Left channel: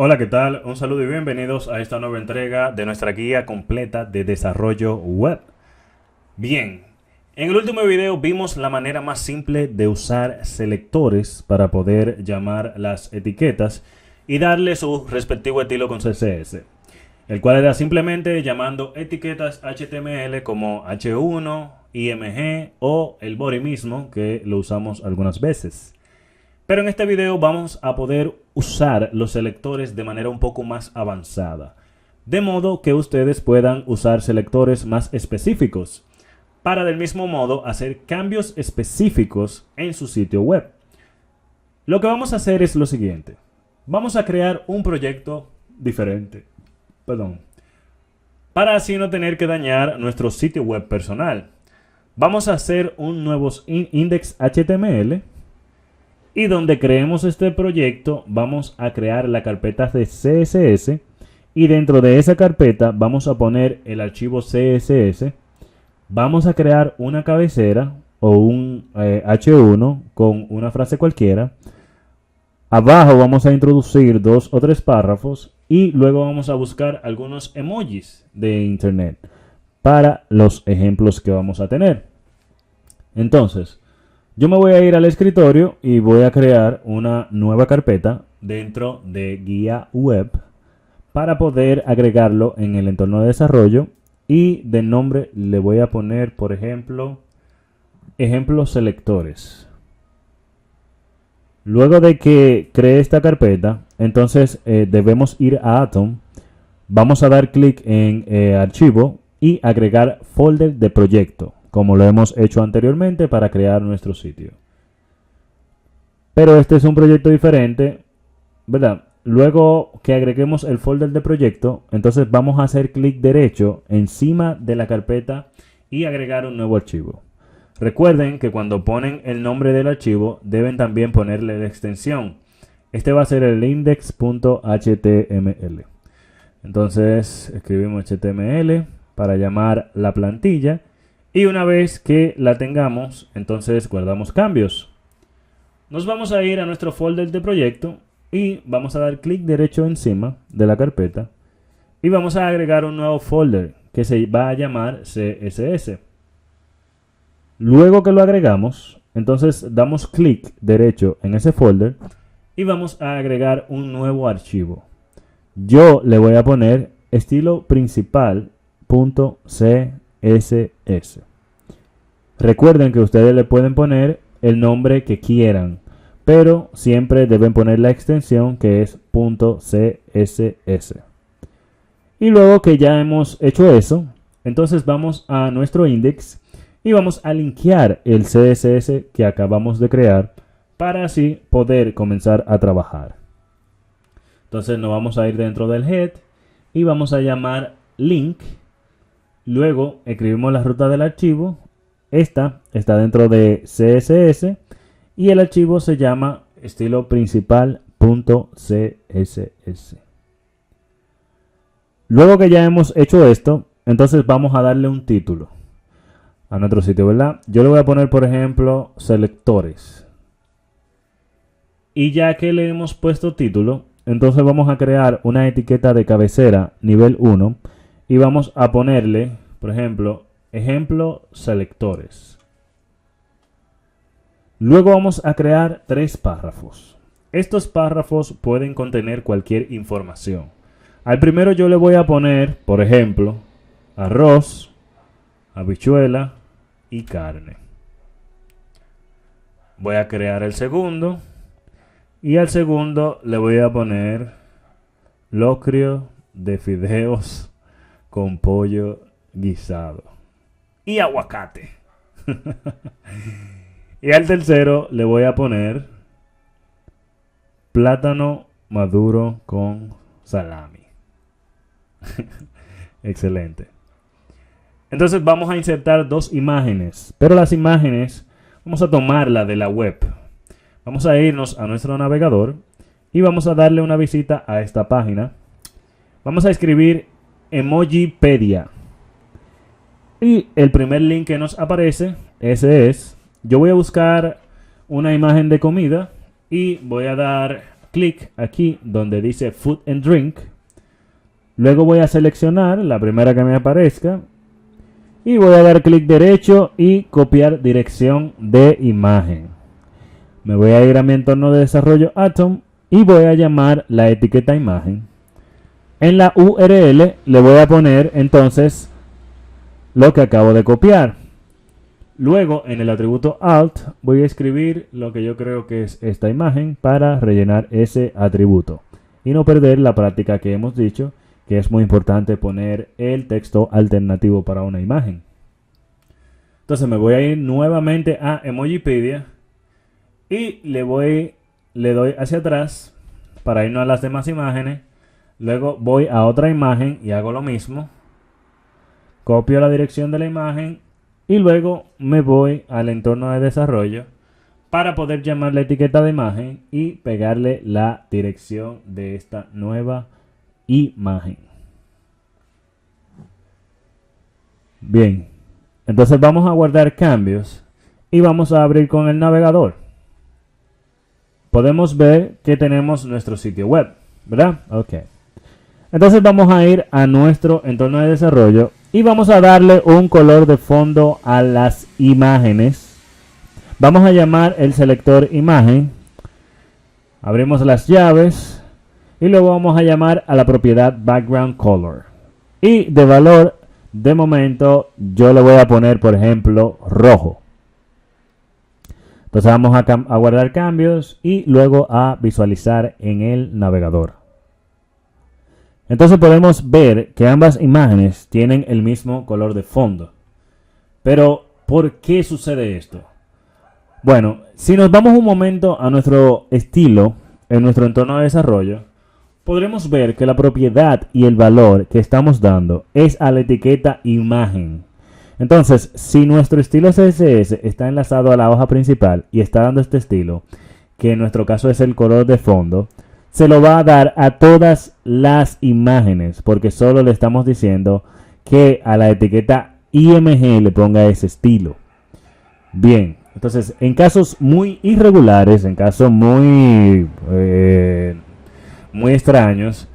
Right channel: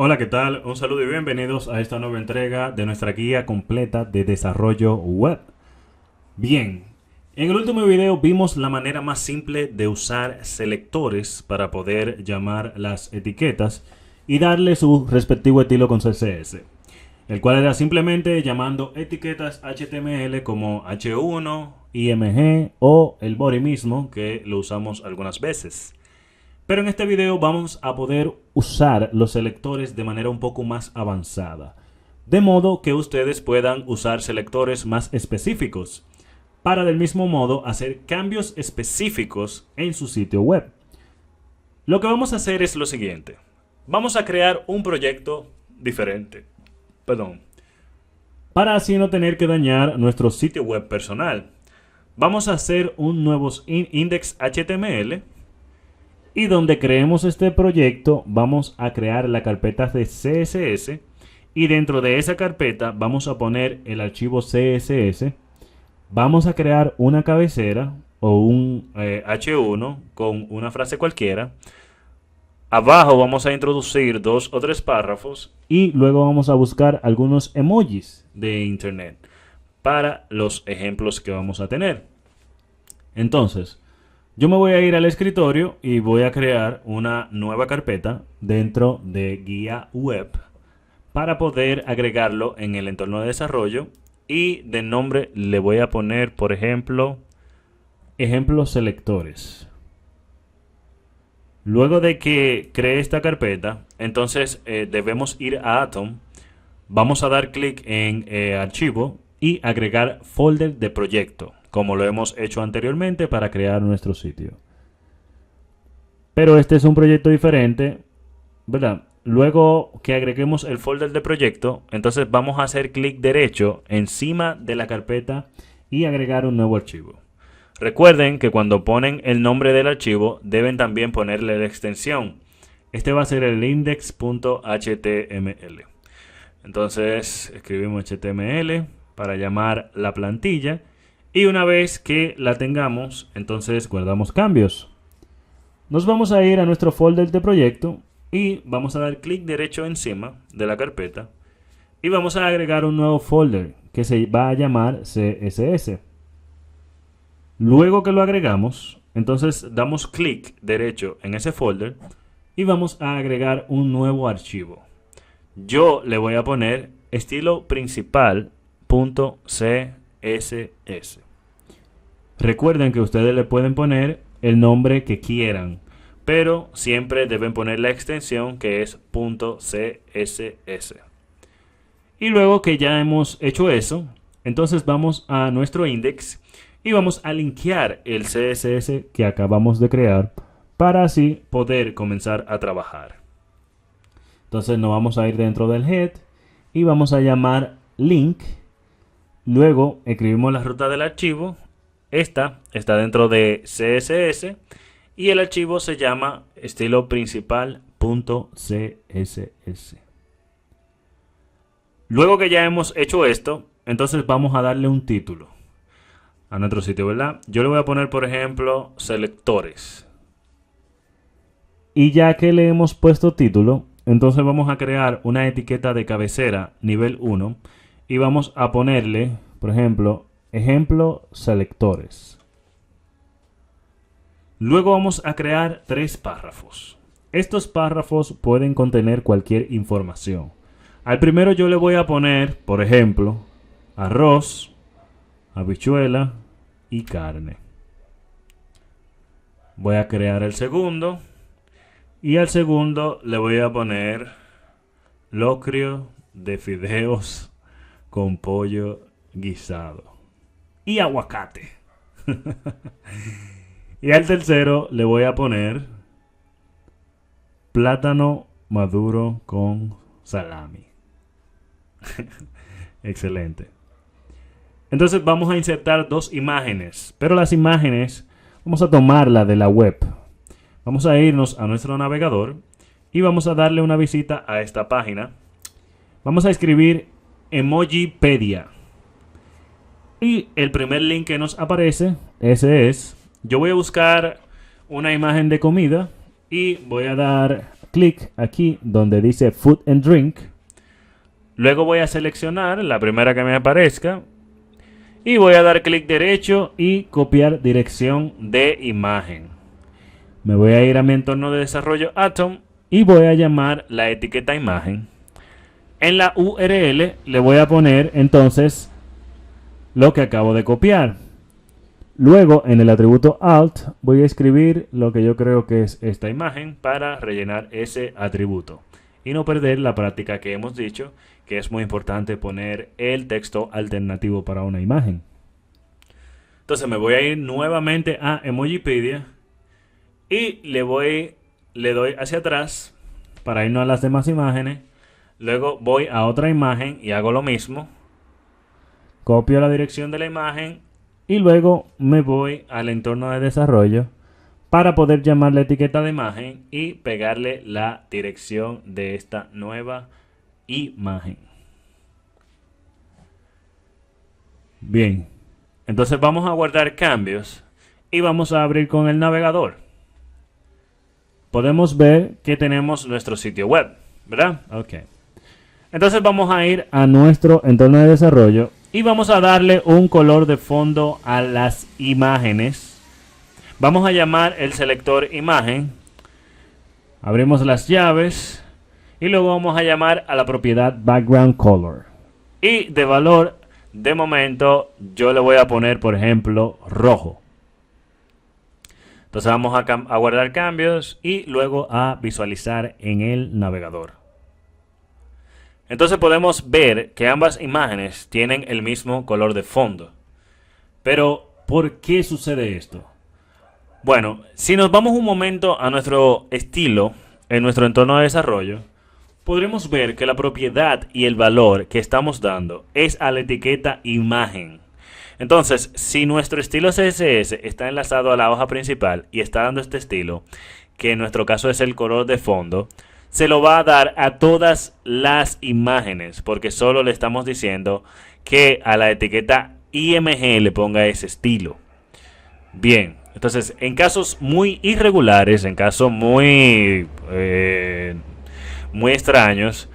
Hola, ¿qué tal? Un saludo y bienvenidos a esta nueva entrega de nuestra guía completa de desarrollo web. Bien, en el último video vimos la manera más simple de usar selectores para poder llamar las etiquetas y darle su respectivo estilo con CSS, el cual era simplemente llamando etiquetas HTML como H1, IMG o el body mismo, que lo usamos algunas veces. Pero en este video vamos a poder usar los selectores de manera un poco más avanzada, de modo que ustedes puedan usar selectores más específicos para del mismo modo hacer cambios específicos en su sitio web. Lo que vamos a hacer es lo siguiente. Vamos a crear un proyecto diferente, para así no tener que dañar nuestro sitio web personal. Vamos a hacer un nuevo index HTML. Y donde creemos este proyecto vamos a crear la carpeta de CSS y dentro de esa carpeta vamos a poner el archivo CSS. Vamos a crear una cabecera o un H1 con una frase cualquiera. Abajo vamos a introducir 2 o 3 párrafos y luego vamos a buscar algunos emojis de internet para los ejemplos que vamos a tener. Entonces, yo me voy a ir al escritorio y voy a crear una nueva carpeta dentro de guía web para poder agregarlo en el entorno de desarrollo y de nombre le voy a poner, por ejemplo, ejemplos selectores. Luego de que cree esta carpeta, entonces debemos ir a Atom, vamos a dar clic en archivo y agregar folder de proyecto, como lo hemos hecho anteriormente para crear nuestro sitio. Pero este es un proyecto diferente, ¿verdad? Luego que agreguemos el folder de proyecto, entonces vamos a hacer clic derecho encima de la carpeta y agregar un nuevo archivo. Recuerden que cuando ponen el nombre del archivo, deben también ponerle la extensión. Este va a ser el index.html. Entonces escribimos HTML para llamar la plantilla. Y una vez que la tengamos, entonces guardamos cambios. Nos vamos a ir a nuestro folder de proyecto y vamos a dar clic derecho encima de la carpeta. Y vamos a agregar un nuevo folder que se va a llamar CSS. Luego que lo agregamos, entonces damos clic derecho en ese folder y vamos a agregar un nuevo archivo. Yo le voy a poner estilo principal.css. Recuerden que ustedes le pueden poner el nombre que quieran, pero siempre deben poner la extensión que es .css. Y luego que ya hemos hecho eso, entonces vamos a nuestro index y vamos a linkear el CSS que acabamos de crear para así poder comenzar a trabajar. Entonces nos vamos a ir dentro del head y vamos a llamar link. Luego escribimos la ruta del archivo. Esta está dentro de CSS y el archivo se llama estilo principal.css. Luego que ya hemos hecho esto, entonces vamos a darle un título a nuestro sitio, ¿verdad? Yo le voy a poner, por ejemplo, selectores. Y ya que le hemos puesto título, entonces vamos a crear una etiqueta de cabecera nivel 1 y vamos a ponerle, por ejemplo, ejemplo selectores. Luego vamos a crear 3 párrafos. Estos párrafos pueden contener cualquier información. Al primero yo le voy a poner, por ejemplo, arroz, habichuela y carne. Voy a crear el segundo y al segundo le voy a poner locrio de fideos con pollo guisado y aguacate. Y al tercero le voy a poner plátano maduro con salami. Excelente. Entonces vamos a insertar 2 imágenes, pero las imágenes vamos a tomarla de la web. Vamos a irnos a nuestro navegador y vamos a darle una visita a esta página. Vamos a escribir Emojipedia. Y el primer link que nos aparece, ese es. Yo voy a buscar una imagen de comida y voy a dar clic aquí donde dice Food and Drink. Luego voy a seleccionar la primera que me aparezca y voy a dar clic derecho y copiar dirección de imagen. Me voy a ir a mi entorno de desarrollo Atom y voy a llamar la etiqueta imagen. En la URL le voy a poner entonces lo que acabo de copiar. Luego en el atributo Alt voy a escribir lo que yo creo que es esta imagen para rellenar ese atributo y no perder la práctica que hemos dicho, que es muy importante poner el texto alternativo para una imagen. Entonces me voy a ir nuevamente a Emojipedia y le doy hacia atrás para irnos a las demás imágenes. Luego voy a otra imagen y hago lo mismo. Copio la dirección de la imagen y luego me voy al entorno de desarrollo para poder llamar la etiqueta de imagen y pegarle la dirección de esta nueva imagen. Bien, entonces vamos a guardar cambios y vamos a abrir con el navegador. Podemos ver que tenemos nuestro sitio web, ¿verdad? Ok. Entonces vamos a ir a nuestro entorno de desarrollo y vamos a darle un color de fondo a las imágenes. Vamos a llamar el selector imagen. Abrimos las llaves y luego vamos a llamar a la propiedad background color. Y de valor, de momento, yo le voy a poner, por ejemplo, rojo. Entonces vamos a guardar cambios y luego a visualizar en el navegador. Entonces podemos ver que ambas imágenes tienen el mismo color de fondo. Pero, ¿por qué sucede esto? Bueno, si nos vamos un momento a nuestro estilo en nuestro entorno de desarrollo, podremos ver que la propiedad y el valor que estamos dando es a la etiqueta imagen. Entonces, si nuestro estilo CSS está enlazado a la hoja principal y está dando este estilo, que en nuestro caso es el color de fondo, se lo va a dar a todas las imágenes, porque solo le estamos diciendo que a la etiqueta IMG le ponga ese estilo. Bien, entonces en casos muy irregulares, en casos muy extraños,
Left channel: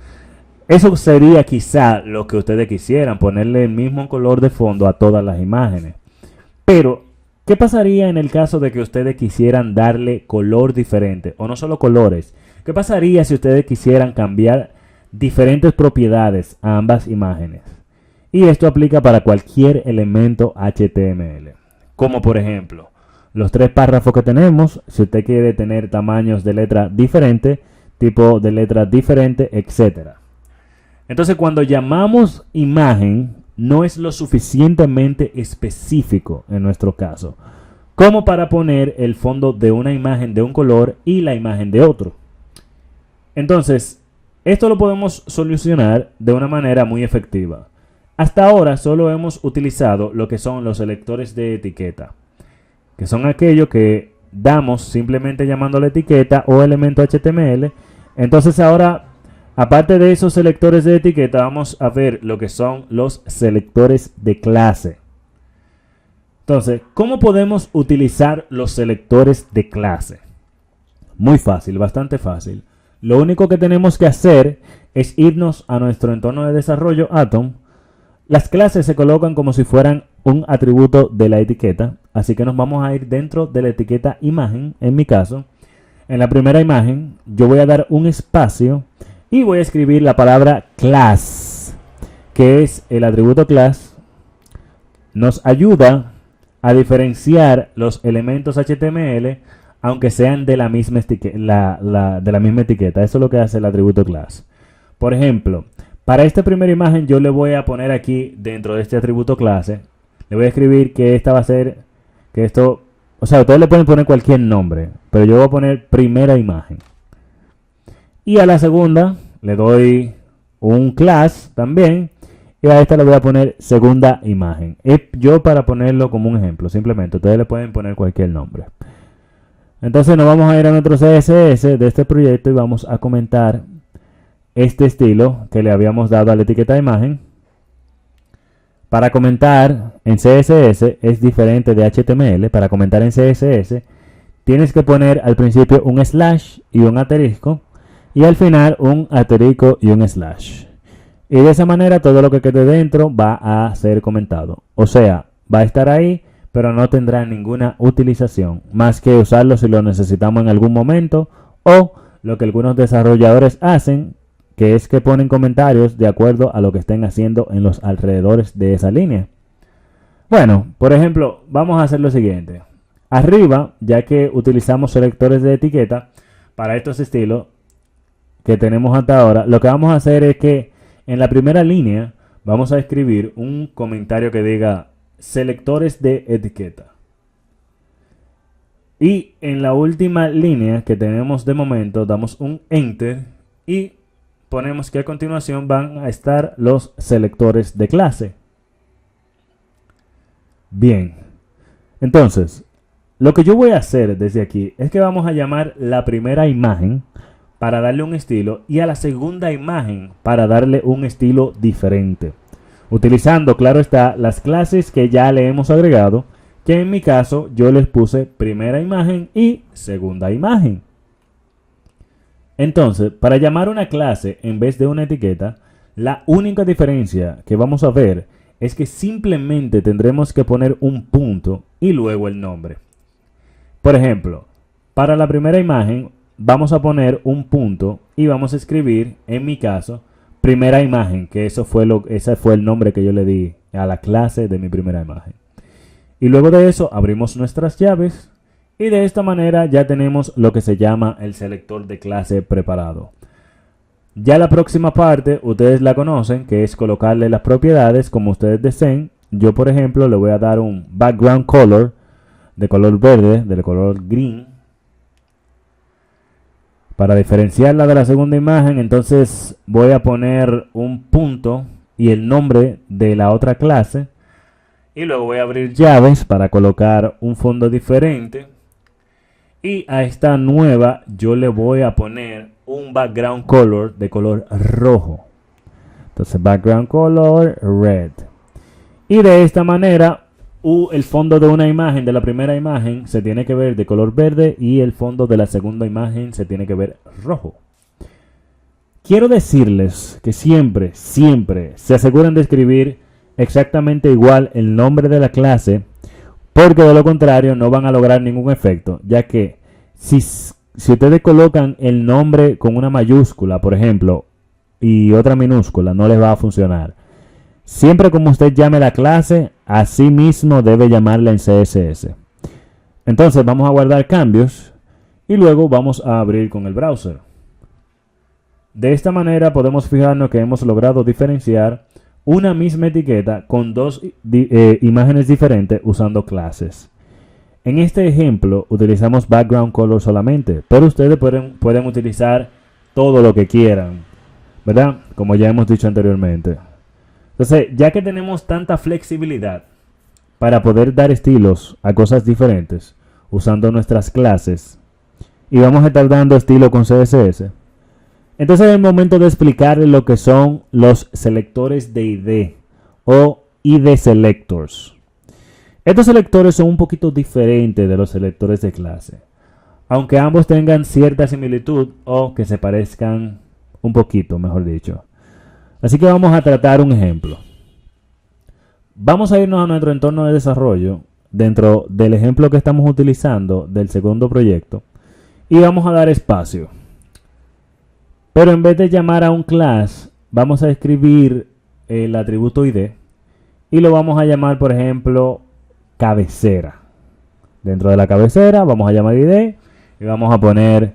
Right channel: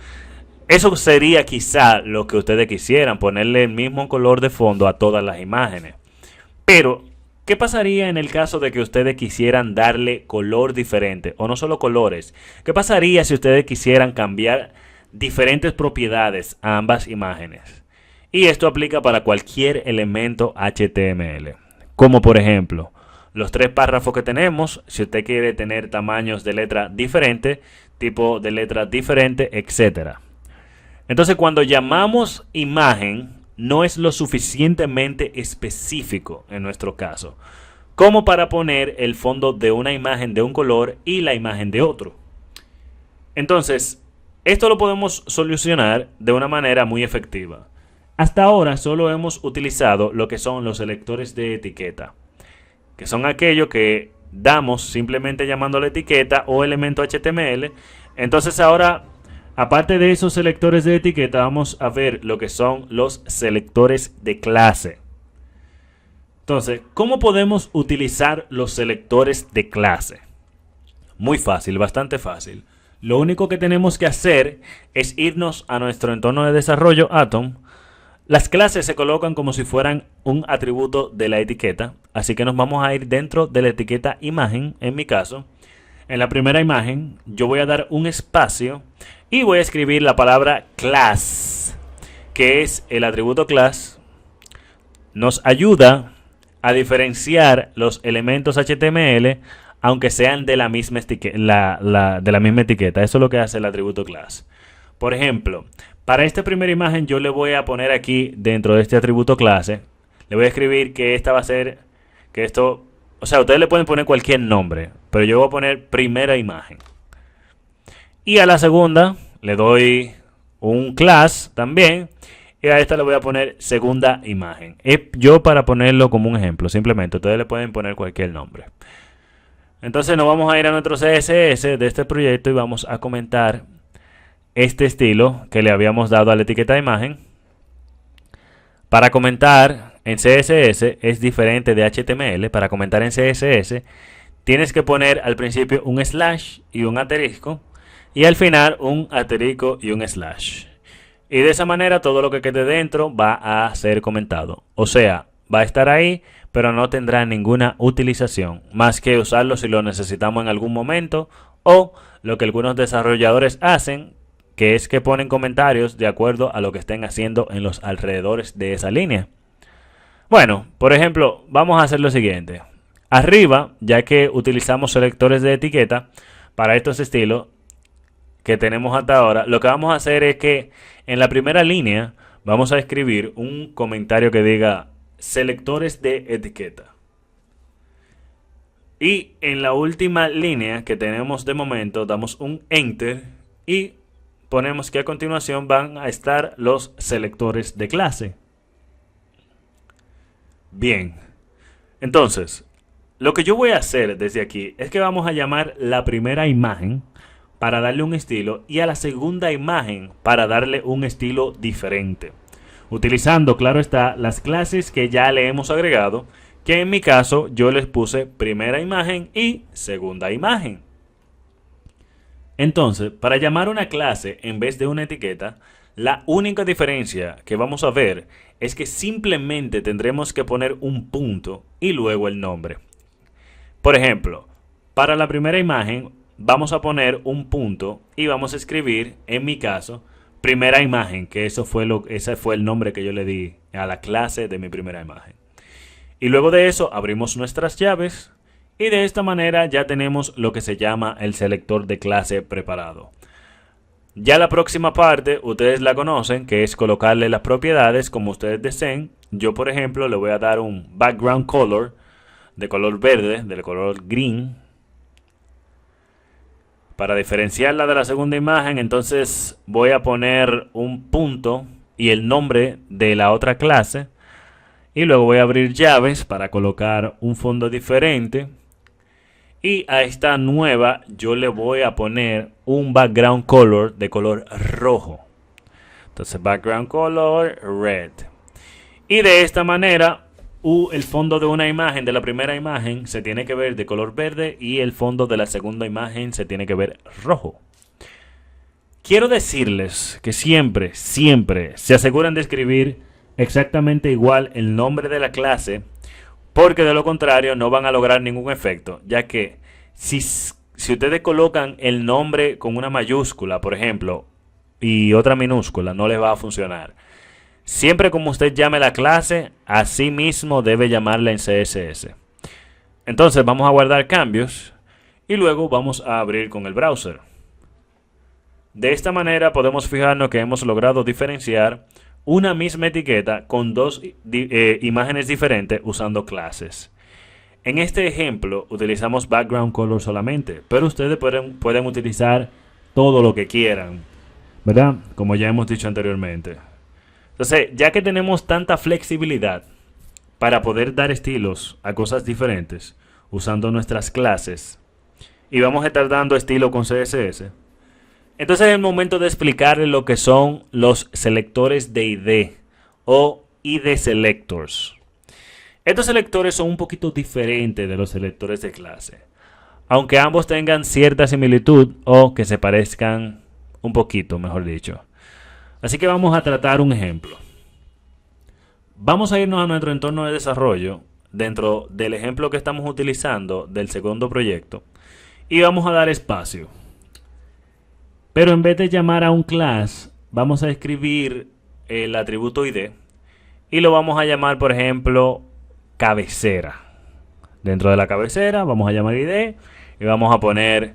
eso sería quizá lo que ustedes quisieran, ponerle el mismo color de fondo a todas las imágenes. Pero, ¿qué pasaría en el caso de que ustedes quisieran darle color diferente? O no solo colores. ¿Qué pasaría si ustedes quisieran cambiar diferentes propiedades a ambas imágenes? Y esto aplica para cualquier elemento HTML. Como por ejemplo, los 3 párrafos que tenemos. Si usted quiere tener tamaños de letra diferente, tipo de letra diferente, etc. Entonces, cuando llamamos imagen, no es lo suficientemente específico en nuestro caso, como para poner el fondo de una imagen de un color y la imagen de otro. Entonces, esto lo podemos solucionar de una manera muy efectiva. Hasta ahora solo hemos utilizado lo que son los selectores de etiqueta, que son aquellos que damos simplemente llamando la etiqueta o elemento HTML. Entonces ahora, aparte de esos selectores de etiqueta, vamos a ver lo que son los selectores de clase. Entonces, ¿cómo podemos utilizar los selectores de clase? Muy fácil, bastante fácil. Lo único que tenemos que hacer es irnos a nuestro entorno de desarrollo Atom. Las clases se colocan como si fueran un atributo de la etiqueta, así que nos vamos a ir dentro de la etiqueta imagen, en mi caso. En la primera imagen yo voy a dar un espacio y voy a escribir la palabra class, que es el atributo class. Nos ayuda a diferenciar los elementos HTML, aunque sean de la misma etiqueta. Eso es lo que hace el atributo class. Por ejemplo, para esta primera imagen yo le voy a poner aquí dentro de este atributo clase, le voy a escribir que esta va a ser, que esto, o sea, ustedes le pueden poner cualquier nombre, pero yo voy a poner primera imagen. Y a la segunda le doy un class también, y a esta le voy a poner segunda imagen. Yo para ponerlo como un ejemplo, simplemente, ustedes le pueden poner cualquier nombre. Entonces nos vamos a ir a nuestro CSS de este proyecto y vamos a comentar este estilo que le habíamos dado a la etiqueta de imagen. Para comentar en CSS es diferente de HTML. Para comentar en CSS tienes que poner al principio un slash y un asterisco. y al final un asterisco y un slash. Y de esa manera todo lo que quede dentro va a ser comentado. O sea, va a estar ahí, pero no tendrá ninguna utilización, más que usarlo si lo necesitamos en algún momento, o lo que algunos desarrolladores hacen, que es que ponen comentarios de acuerdo a lo que estén haciendo en los alrededores de esa línea. Bueno, por ejemplo, vamos a hacer lo siguiente. Arriba, ya que utilizamos selectores de etiqueta para estos estilos que tenemos hasta ahora, lo que vamos a hacer es que en la primera línea vamos a escribir un comentario que diga selectores de etiqueta. Y en la última línea que tenemos de momento damos un enter y ponemos que a continuación van a estar los selectores de clase. Bien, entonces lo que yo voy a hacer desde aquí es que vamos a llamar la primera imagen para darle un estilo y a la segunda imagen para darle un estilo diferente, utilizando, claro está, las clases que ya le hemos agregado, que en mi caso yo les puse primera imagen y segunda imagen. Entonces, para llamar una clase en vez de una etiqueta, la única diferencia que vamos a ver es que simplemente tendremos que poner un punto y luego el nombre. Por ejemplo, para la primera imagen vamos a poner un punto y vamos a escribir, en mi caso, primera imagen, que ese fue el nombre que yo le di a la clase de mi primera imagen. Y luego de eso abrimos nuestras llaves y de esta manera ya tenemos lo que se llama el selector de clase preparado. Ya la próxima parte ustedes la conocen, que es colocarle las propiedades como ustedes deseen. Yo, por ejemplo, le voy a dar un background color de color verde, del color green, para diferenciarla de la segunda imagen. Entonces voy a poner un punto y el nombre de la otra clase y luego voy a abrir llaves para colocar un fondo diferente y a esta nueva yo le voy a poner un background color de color rojo. Entonces background color red, y de esta manera el fondo de una imagen, de la primera imagen, se tiene que ver de color verde y el fondo de la segunda imagen se tiene que ver rojo. Quiero decirles que siempre se aseguren de escribir exactamente igual el nombre de la clase, porque de lo contrario no van a lograr ningún efecto, ya que si ustedes colocan el nombre con una mayúscula, por ejemplo, y otra minúscula, no les va a funcionar. Siempre como usted llame la clase, así mismo debe llamarla en CSS. Entonces vamos a guardar cambios y luego vamos a abrir con el browser. De esta manera podemos fijarnos que hemos logrado diferenciar una misma etiqueta con dos imágenes diferentes usando clases. En este ejemplo utilizamos background color solamente, pero ustedes pueden utilizar todo lo que quieran, ¿verdad? Como ya hemos dicho anteriormente. Entonces, ya que tenemos tanta flexibilidad para poder dar estilos a cosas diferentes usando nuestras clases y vamos a estar dando estilo con CSS, entonces es el momento de explicarles lo que son los selectores de ID o ID selectors. Estos selectores son un poquito diferentes de los selectores de clase, aunque ambos tengan cierta similitud o que se parezcan un poquito, mejor dicho. Así que vamos a tratar un ejemplo. Vamos a irnos a nuestro entorno de desarrollo dentro del ejemplo que estamos utilizando del segundo proyecto y vamos a dar espacio. Pero en vez de llamar a un class, vamos a escribir el atributo ID y lo vamos a llamar, por ejemplo, cabecera. Dentro de la cabecera vamos a llamar ID y vamos a poner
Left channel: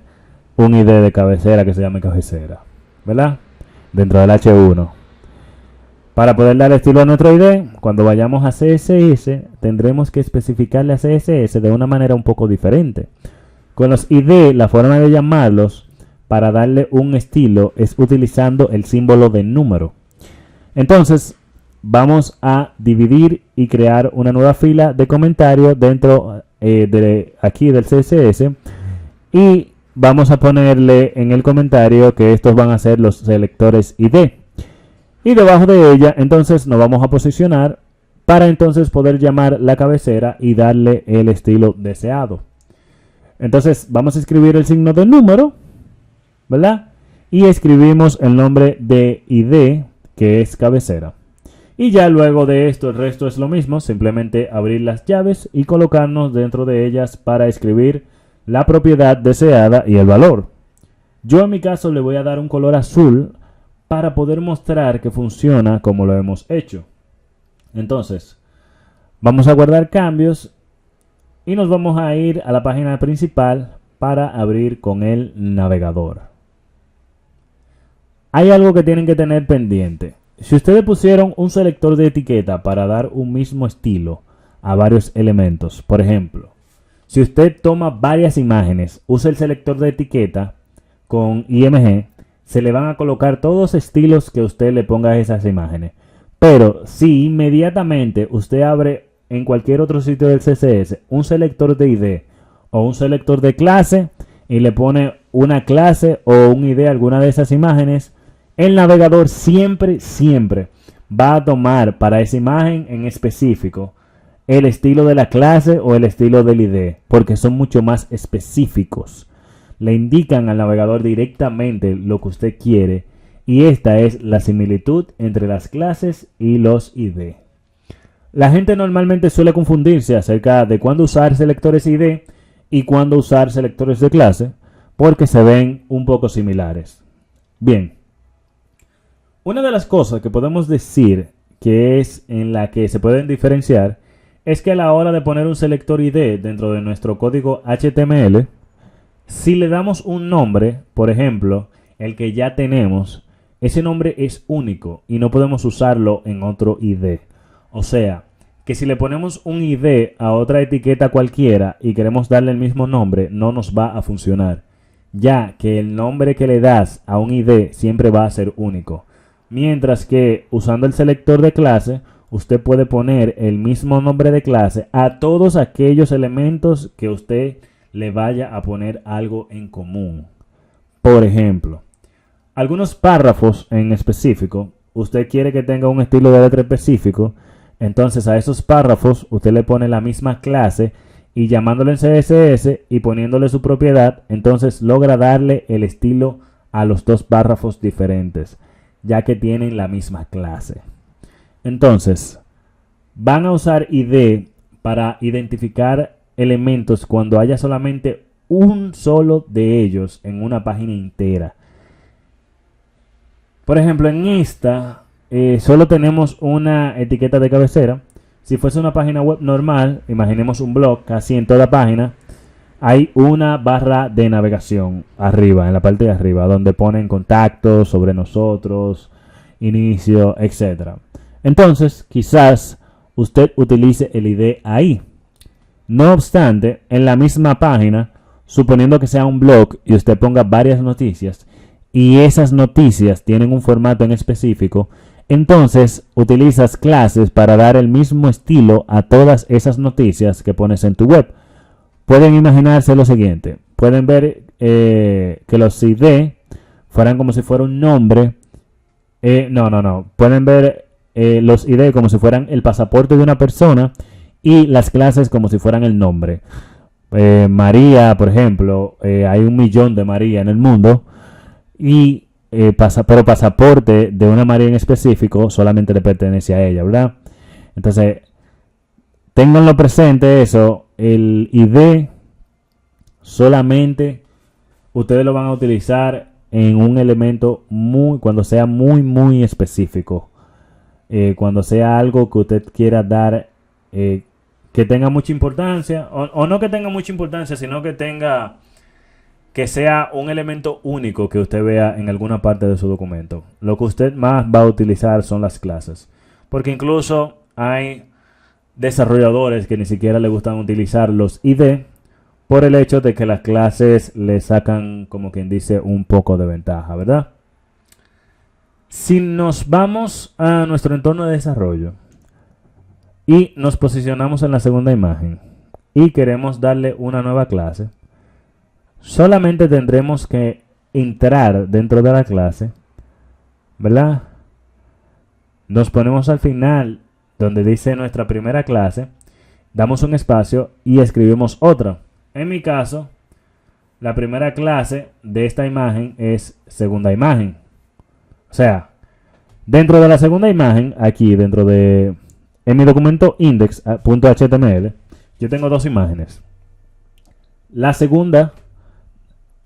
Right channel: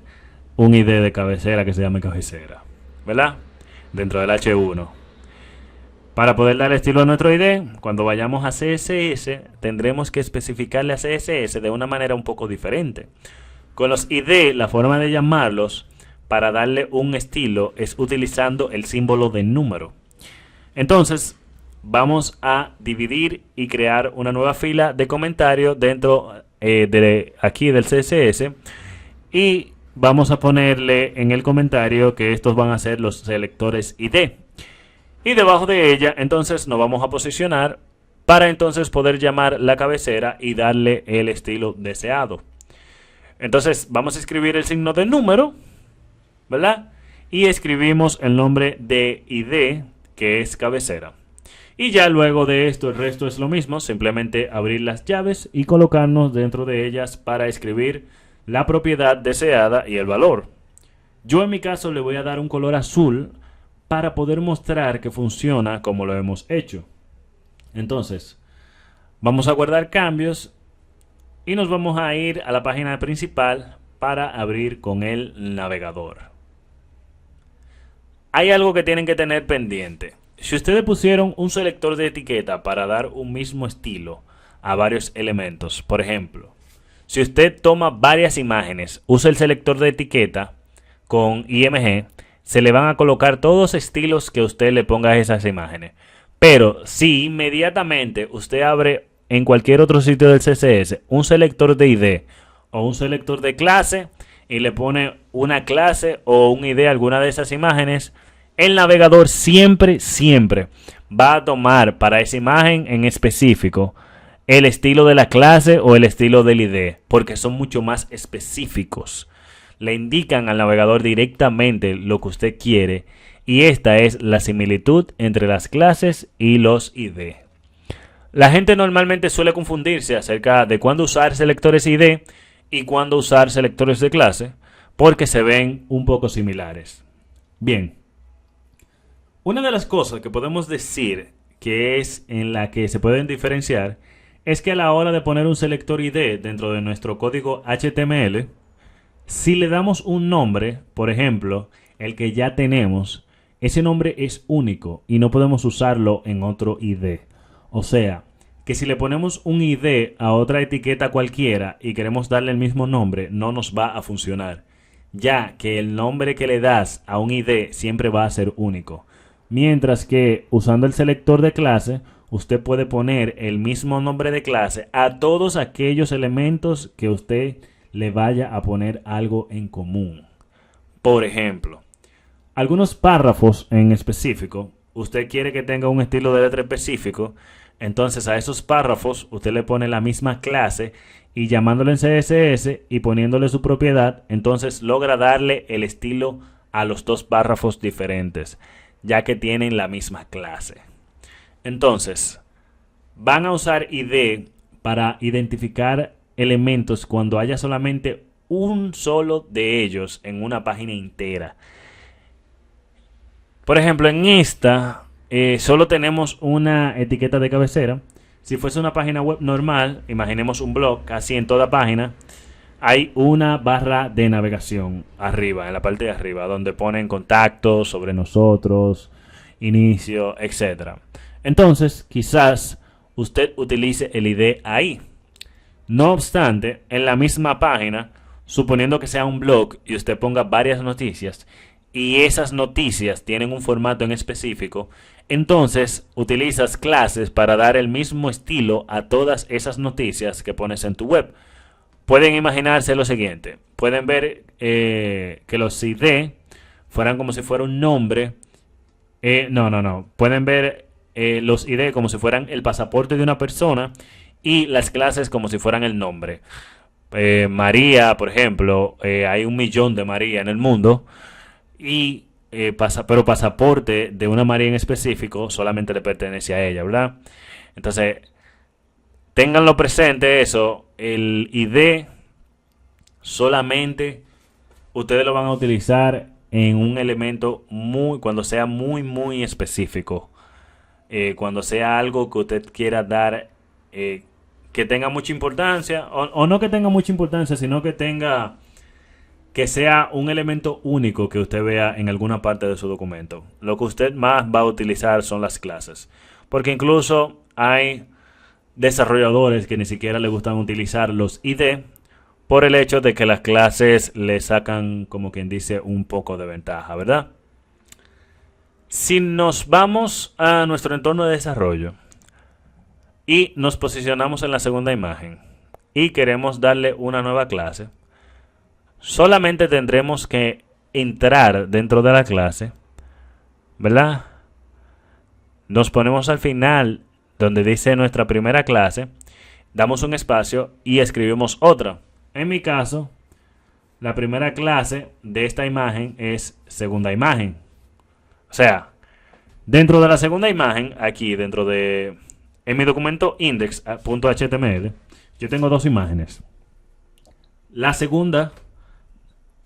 un ID de cabecera que se llame cabecera, ¿verdad? Dentro del H1. Para poder dar estilo a nuestro ID, cuando vayamos a CSS, tendremos que especificarle a CSS de una manera un poco diferente. Con los ID, la forma de llamarlos para darle un estilo es utilizando el símbolo de número. Entonces, vamos a dividir y crear una nueva fila de comentarios dentro de aquí del CSS y vamos a ponerle en el comentario que estos van a ser los selectores ID. Y debajo de ella, entonces, nos vamos a posicionar para entonces poder llamar la cabecera y darle el estilo deseado. Entonces, vamos a escribir el signo de número, ¿verdad? y escribimos el nombre de ID, que es cabecera. Y ya luego de esto el resto es lo mismo, simplemente abrir las llaves y colocarnos dentro de ellas para escribir la propiedad deseada y el valor. Yo en mi caso le voy a dar un color azul para poder mostrar que funciona como lo hemos hecho. Entonces, vamos a guardar cambios y nos vamos a ir a la página principal para abrir con el navegador. Hay algo que tienen que tener pendiente. Si ustedes pusieron un selector de etiqueta para dar un mismo estilo a varios elementos, por ejemplo, si usted toma varias imágenes, usa el selector de etiqueta con IMG, se le van a colocar todos los estilos que usted le ponga a esas imágenes. Pero si inmediatamente usted abre en cualquier otro sitio del CSS un selector de ID o un selector de clase y le pone una clase o un ID a alguna de esas imágenes, el navegador siempre va a tomar para esa imagen en específico el estilo de la clase o el estilo del ID, porque son mucho más específicos. Le indican al navegador directamente lo que usted quiere, y esta es la similitud entre las clases y los ID. La gente normalmente suele confundirse acerca de cuándo usar selectores ID y cuándo usar selectores de clase, porque se ven un poco similares. Bien. Una de las cosas que podemos decir que es en la que se pueden diferenciar es que a la hora de poner un selector ID dentro de nuestro código HTML, si le damos un nombre, por ejemplo, el que ya tenemos, ese nombre es único y no podemos usarlo en otro ID. O sea, que si le ponemos un ID a otra etiqueta cualquiera y queremos darle el mismo nombre, no nos va a funcionar, ya que el nombre que le das a un ID siempre va a ser único. Mientras que usando el selector de clase, usted puede poner el mismo nombre de clase a todos aquellos elementos que usted le vaya a poner algo en común. Por ejemplo, algunos párrafos en específico, usted quiere que tenga un estilo de letra específico, entonces a esos párrafos usted le pone la misma clase y llamándolo en CSS y poniéndole su propiedad, entonces logra darle el estilo a los dos párrafos diferentes, ya que tienen la misma clase. Entonces, van a usar ID para identificar elementos cuando haya solamente un solo de ellos en una página entera. Por ejemplo, en esta solo tenemos una etiqueta de cabecera. Si fuese una página web normal, imaginemos un blog, casi en toda página hay una barra de navegación arriba, en la parte de arriba, donde ponen contactos, sobre nosotros, inicio, etc. Entonces, quizás usted utilice el ID ahí. No obstante, en la misma página, suponiendo que sea un blog y usted ponga varias noticias, y esas noticias tienen un formato en específico, entonces utilizas clases para dar el mismo estilo a todas esas noticias que pones en tu web. Pueden imaginarse lo siguiente. Pueden ver que los ID fueran como si fuera un nombre. Pueden ver los ID como si fueran el pasaporte de una persona y las clases como si fueran el nombre. María, por ejemplo, hay 1 millón de María en el mundo y pero pasaporte de una María en específico solamente le pertenece a ella, ¿verdad? Entonces, ténganlo presente eso, el ID solamente ustedes lo van a utilizar en un elemento cuando sea muy específico. Cuando sea algo que usted quiera dar que tenga mucha importancia, o no que tenga mucha importancia, sino que sea un elemento único que usted vea en alguna parte de su documento. Lo que usted más va a utilizar son las clases, porque incluso hay desarrolladores que ni siquiera le gustan utilizar los ID por el hecho de que las clases le sacan, como quien dice, un poco de ventaja, ¿verdad? Si nos vamos a nuestro entorno de desarrollo y nos posicionamos en la segunda imagen y queremos darle una nueva clase, solamente tendremos que entrar dentro de la clase, ¿verdad? Nos ponemos al final donde dice nuestra primera clase, damos un espacio y escribimos otra. En mi caso, la primera clase de esta imagen es segunda imagen. O sea, dentro de la segunda imagen, aquí dentro de en mi documento index.html, yo tengo dos imágenes. La segunda,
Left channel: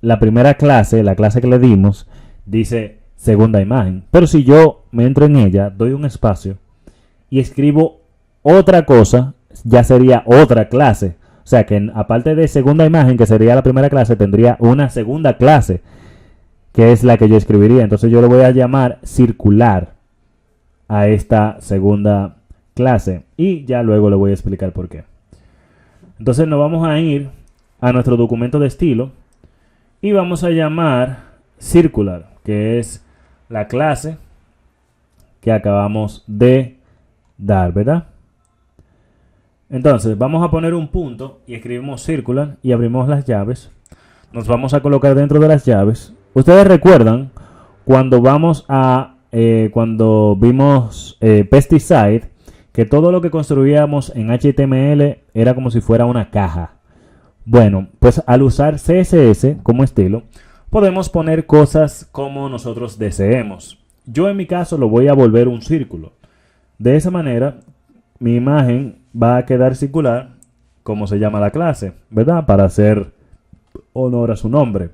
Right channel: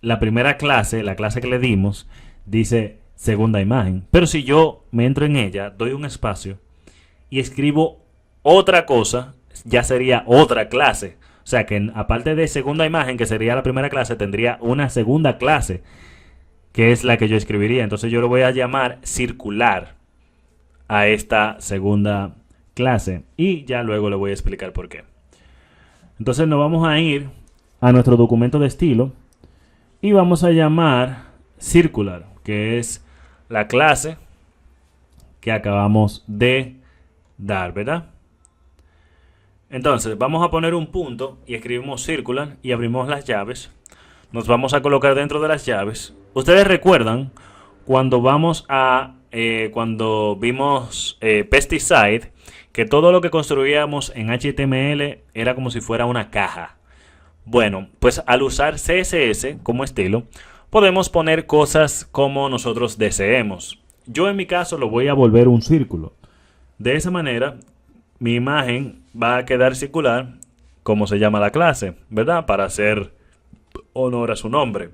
la primera clase, la clase que le dimos, dice segunda imagen. Pero si yo me entro en ella, doy un espacio y escribo otra cosa, ya sería otra clase. O sea que aparte de segunda imagen, que sería la primera clase, tendría una segunda clase, que es la que yo escribiría. Entonces yo le voy a llamar circular a esta segunda clase. Y ya luego le voy a explicar por qué. Entonces nos vamos a ir a nuestro documento de estilo y vamos a llamar circular, que es la clase que acabamos de dar, ¿verdad? Entonces vamos a poner un punto y escribimos circular y abrimos las llaves. Nos vamos a colocar dentro de las llaves. Ustedes recuerdan cuando cuando vimos pesticide, que todo lo que construíamos en HTML era como si fuera una caja. Bueno, pues al usar CSS como estilo, podemos poner cosas como nosotros deseemos. Yo en mi caso lo voy a volver un círculo. De esa manera, mi imagen va a quedar circular, como se llama la clase, ¿verdad? Para hacer honor a su nombre.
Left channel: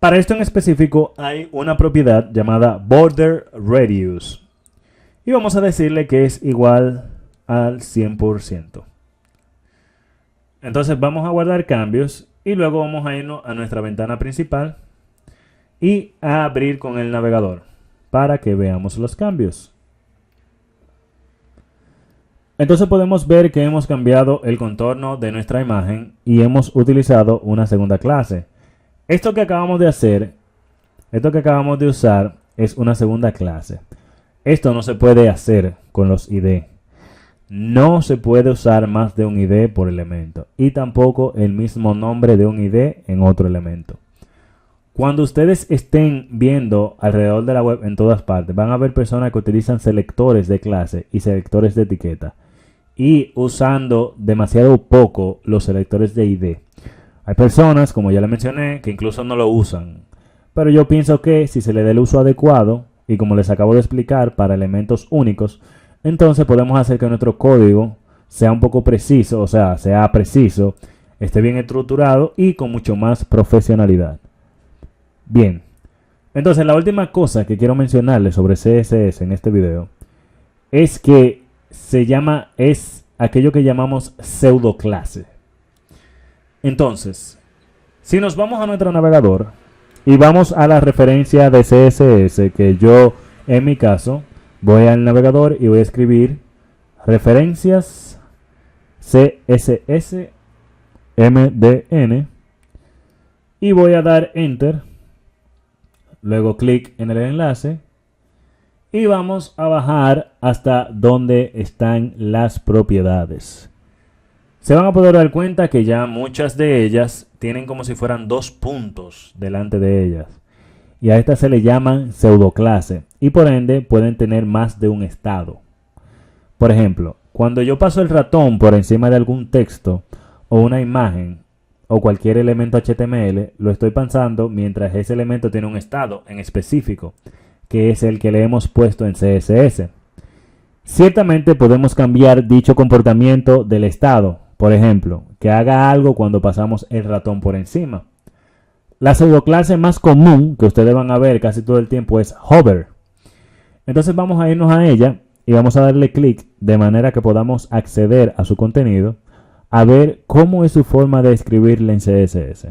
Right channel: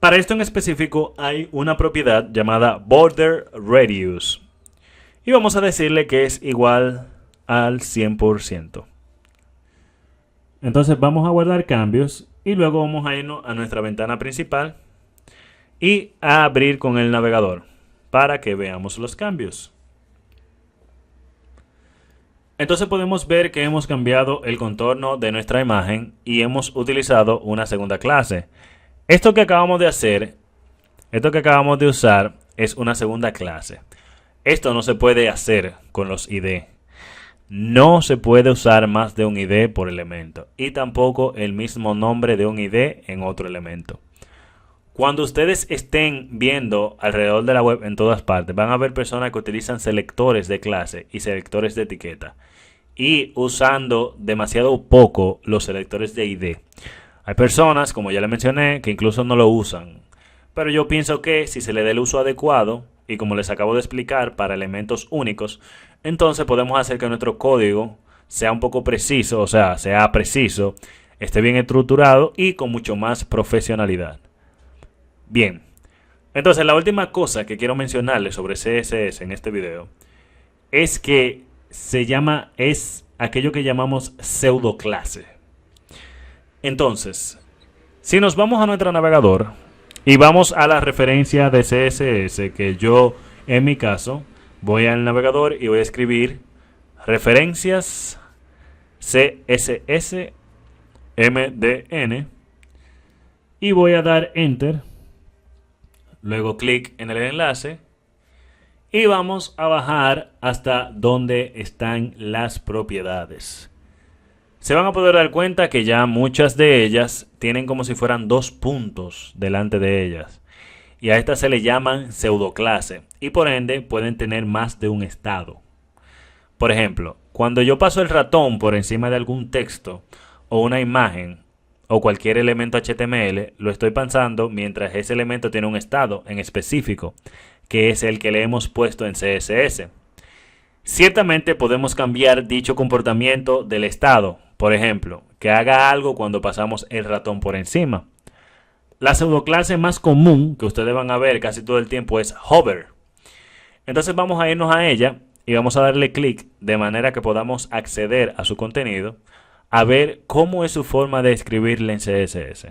Para esto en específico hay una propiedad llamada border radius. Y vamos a decirle que es igual al 100%. Entonces vamos a guardar cambios y luego vamos a irnos a nuestra ventana principal y a abrir con el navegador para que veamos los cambios. Entonces podemos ver que hemos cambiado el contorno de nuestra imagen y hemos utilizado una segunda clase. Esto que acabamos de hacer, esto que acabamos de usar es una segunda clase. Esto no se puede hacer con los ID. No se puede usar más de un ID por elemento y tampoco el mismo nombre de un ID en otro elemento. Cuando ustedes estén viendo alrededor de la web en todas partes, van a ver personas que utilizan selectores de clase y selectores de etiqueta y usando demasiado poco los selectores de ID. Hay personas, como ya les mencioné, que incluso no lo usan. Pero yo pienso que si se le da el uso adecuado, y como les acabo de explicar, para elementos únicos, entonces podemos hacer que nuestro código sea un poco preciso, o sea, sea preciso, esté bien estructurado y con mucho más profesionalidad. Bien, entonces la última cosa que quiero mencionarles sobre CSS en este video es que es aquello que llamamos pseudoclase. Entonces, si nos vamos a nuestro navegador y vamos a la referencia de CSS, que yo en mi caso voy al navegador y voy a escribir referencias CSS MDN y voy a dar enter, luego clic en el enlace y vamos a bajar hasta donde están las propiedades. Se van a poder dar cuenta que ya muchas de ellas tienen como si fueran dos puntos delante de ellas. Y a estas se le llaman pseudoclase y por ende pueden tener más de un estado. Por ejemplo, cuando yo paso el ratón por encima de algún texto o una imagen o cualquier elemento HTML, lo estoy pasando mientras ese elemento tiene un estado en específico, que es el que le hemos puesto en CSS. Ciertamente podemos cambiar dicho comportamiento del estado. Por ejemplo, que haga algo cuando pasamos el ratón por encima. La pseudoclase más común que ustedes van a ver casi todo el tiempo es hover. Entonces vamos a irnos a ella y vamos a darle clic de manera que podamos acceder a su contenido, a ver cómo es su forma de escribirle en CSS.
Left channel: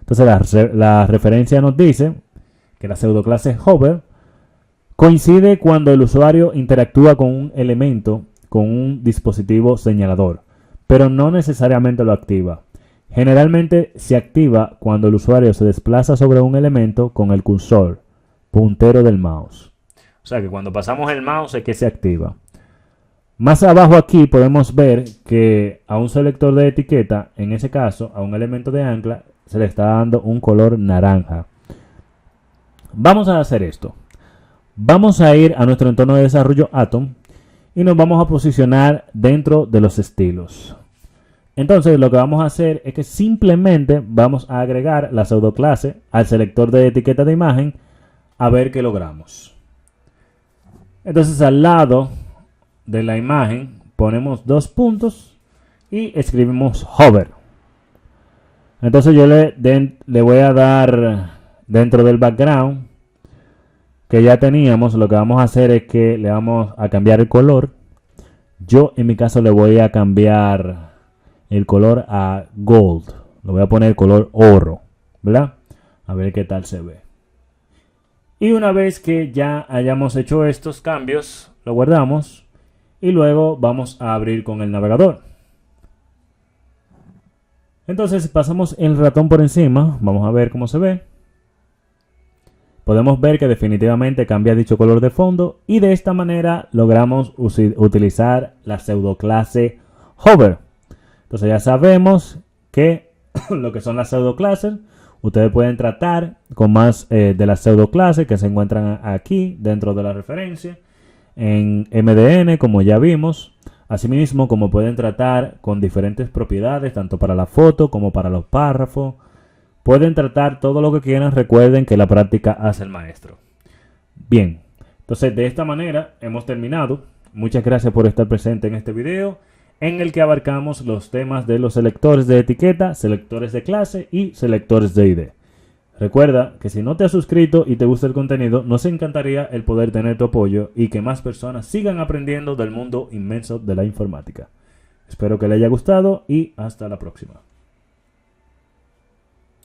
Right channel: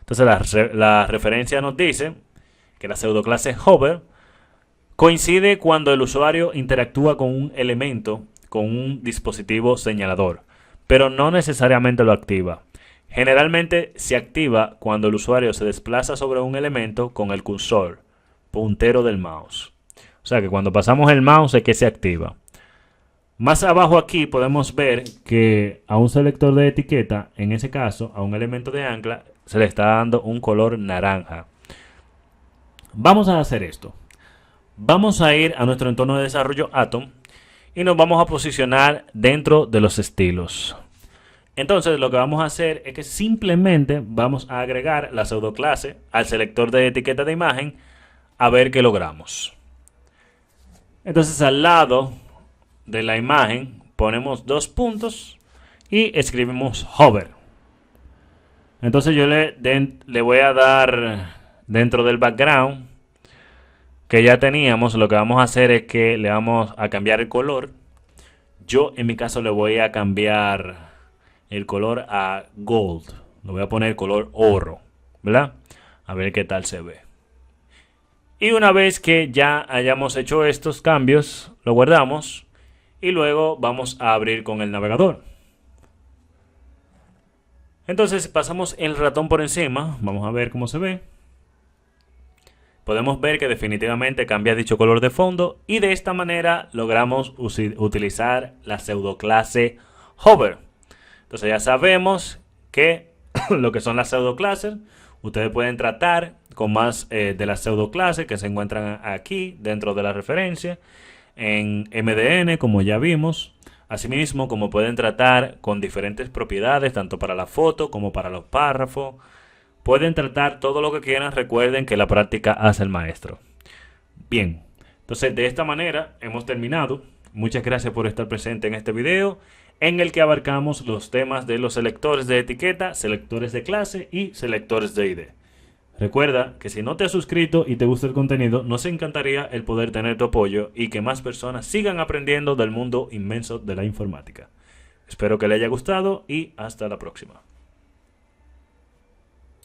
Entonces la referencia nos dice que la pseudoclase hover coincide cuando el usuario interactúa con un elemento con un dispositivo señalador, pero no necesariamente lo activa. Generalmente se activa cuando el usuario se desplaza sobre un elemento con el cursor, puntero del mouse. O sea que cuando pasamos el mouse es que se activa. Más abajo aquí podemos ver que a un selector de etiqueta, en ese caso a un elemento de ancla, se le está dando un color naranja. Vamos a hacer esto. Vamos a ir a nuestro entorno de desarrollo Atom y nos vamos a posicionar dentro de los estilos. Entonces lo que vamos a hacer es que simplemente vamos a agregar la pseudoclase al selector de etiqueta de imagen a ver qué logramos. Entonces al lado de la imagen ponemos 2 puntos y escribimos hover. Entonces yo le voy a dar dentro del background que ya teníamos, lo que vamos a hacer es que le vamos a cambiar el color. Yo en mi caso le voy a cambiar el color a gold. Le voy a poner color oro, ¿verdad? A ver qué tal se ve. Y una vez que ya hayamos hecho estos cambios, lo guardamos y luego vamos a abrir con el navegador. Entonces si pasamos el ratón por encima, vamos a ver cómo se ve. Podemos ver que definitivamente cambia dicho color de fondo y de esta manera logramos utilizar la pseudoclase hover. Entonces ya sabemos que lo que son las pseudoclases, ustedes pueden tratar con más de las pseudoclases que se encuentran aquí dentro de la referencia en MDN, como ya vimos. Asimismo, como pueden tratar con diferentes propiedades, tanto para la foto como para los párrafos. Pueden tratar todo lo que quieran. Recuerden que la práctica hace el maestro. Bien, entonces de esta manera hemos terminado. Muchas gracias por estar presente en este video, en el que abarcamos los temas de los selectores de etiqueta, selectores de clase y selectores de ID. Recuerda que si no te has suscrito y te gusta el contenido, nos encantaría el poder tener tu apoyo y que más personas sigan aprendiendo del mundo inmenso de la informática. Espero que le haya gustado y hasta la próxima.